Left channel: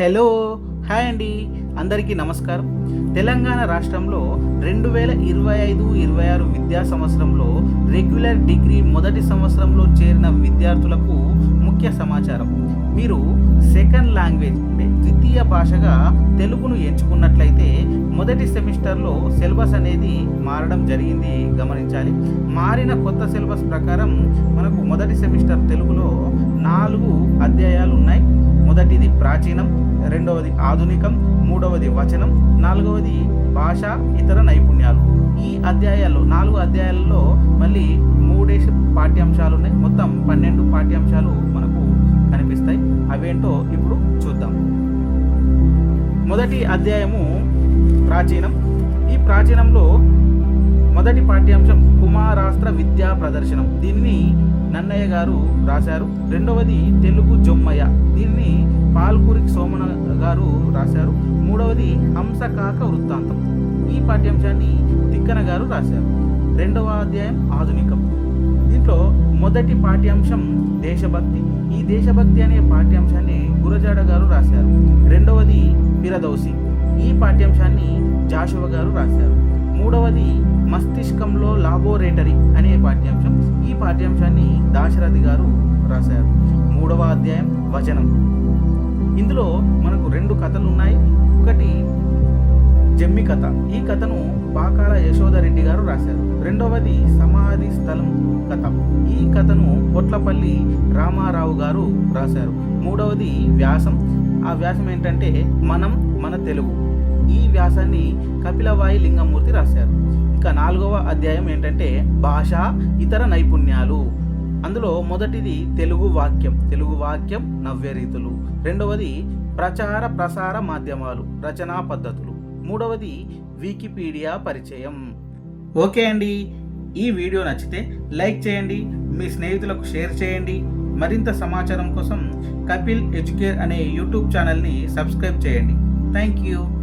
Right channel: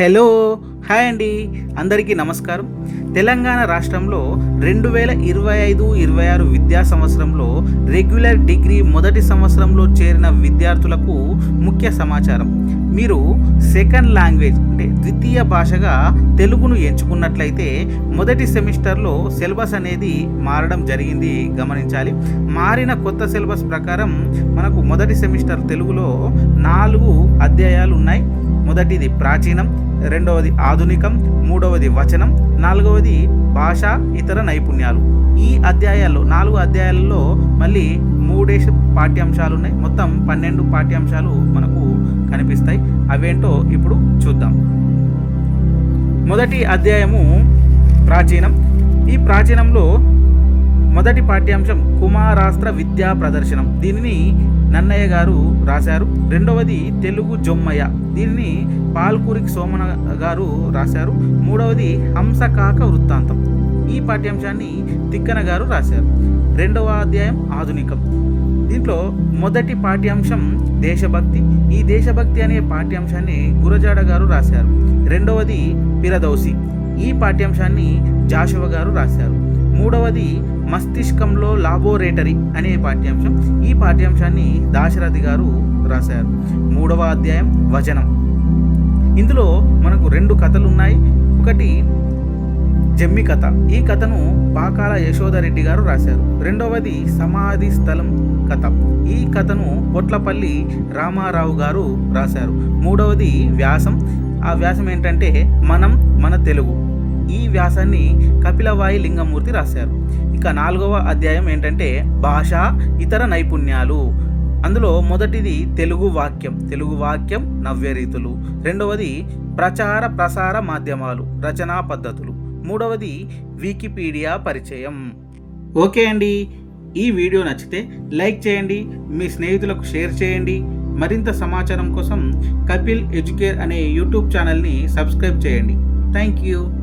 Hello hi అండి. అందరికీ నమస్కారం. తెలంగాణ రాష్ట్రంలో రెండు వేల ఇరవై ఐదు ఇరవై ఆరు విద్యా సంవత్సరంలో రెగ్యులర్ డిగ్రీ మొదటి సంవత్సరంలో చేరిన విద్యార్థులకు ముఖ్య సమాచారం. మీరు సెకండ్ లాంగ్వేజ్ అంటే ద్వితీయ భాషగా తెలుగును ఎంచుకున్నట్లయితే మొదటి సెమిస్టర్లో సిలబస్ అనేది మారడం జరిగింది. గమనించాలి. మారిన కొత్త సిలబస్ ప్రకారం మనకు మొదటి సెమిస్టర్ తెలుగులో నాలుగు అధ్యాయాలు ఉన్నాయి. మొదటిది ప్రాచీనం రెండవది ఆధునికం మూడవది వచనం నాలుగవది భాష ఇతర నైపుణ్యాలు. ఈ అధ్యాయాల్లో నాలుగు అధ్యాయాలలో మళ్ళీ మూడేసి పాఠ్యాంశాలు ఉన్నాయి మొత్తం పన్నెండు పాఠ్యాంశాలు మనకు కనిపిస్తాయి. అవేంటో ఇప్పుడు చూద్దాం. మొదటి అధ్యాయము ప్రాచీనం. ఈ ప్రాచీనంలో మొదటి పాఠ్యాంశం కుమారాస్త్ర విద్యా ప్రదర్శనం. దీనిని నన్నయ్య గారు రాశారు. రెండవది తెలుగు జొమ్మయ్య. దీనిని పాల్కూరికి సోమన గారు రాశారు. మూడవది హంసకాక వృత్తాంతం. ఈ పాఠ్యాంశాన్ని తిక్కన గారు రాశారు. రెండవ అధ్యాయం ఆధునికం. దీంట్లో మొదటి పాఠ్యాంశం దేశభక్తి. ఈ దేశభక్తి అనే పాఠ్యాంశాన్ని గురజాడ గారు రాశారు. రెండవది పిరదౌసి. ఈ పాఠ్యాంశాన్ని జాషువ గారు రాశారు. మూడవది మస్తిష్కంలో లాబోరేటరీ అనే పాఠ్యాంశం. ఈ పాఠ్యాంశాన్ని దాశరథి గారు రాశారు. మూడవ అధ్యాయం వచనం. ఇందులో మనకు రెండు కథలు ఉన్నాయి. ఒకటి జమ్మి కథ. ఈ కథను పాకాల యశోదరెడ్డి గారు రాశారు. రెండవది సమాధి స్థలం కథ. ఈ కథను కొట్లపల్లి రామారావు గారు రాశారు. మూడవది వ్యాసం. ఆ వ్యాసం ఏంటంటే మనం మన తెలుగు. ఈ వ్యాసాన్ని కపిలవాయి లింగమూర్తి రాశారు. ఇక నాలుగవ అధ్యాయం ఏంటంటే భాష ఇతర నైపుణ్యాలు. అందులో మొదటిది తెలుగు వాక్యం. తెలుగు వాక్యం నవ్య రీతులు. రెండవది ప్రచార ప్రసార మాధ్యమాలు రచనా పద్ధతులు. మూడవది వికీపీడియా పరిచయం. ఓకే అండి. ఈ వీడియో నచ్చితే లైక్ చేయండి మీ స్నేహితులకు షేర్ చేయండి. మరింత సమాచారం కోసం కపిల్ ఎడ్యుకేర్ అనే యూట్యూబ్ ఛానల్ని సబ్స్క్రైబ్ చేయండి. Thank you.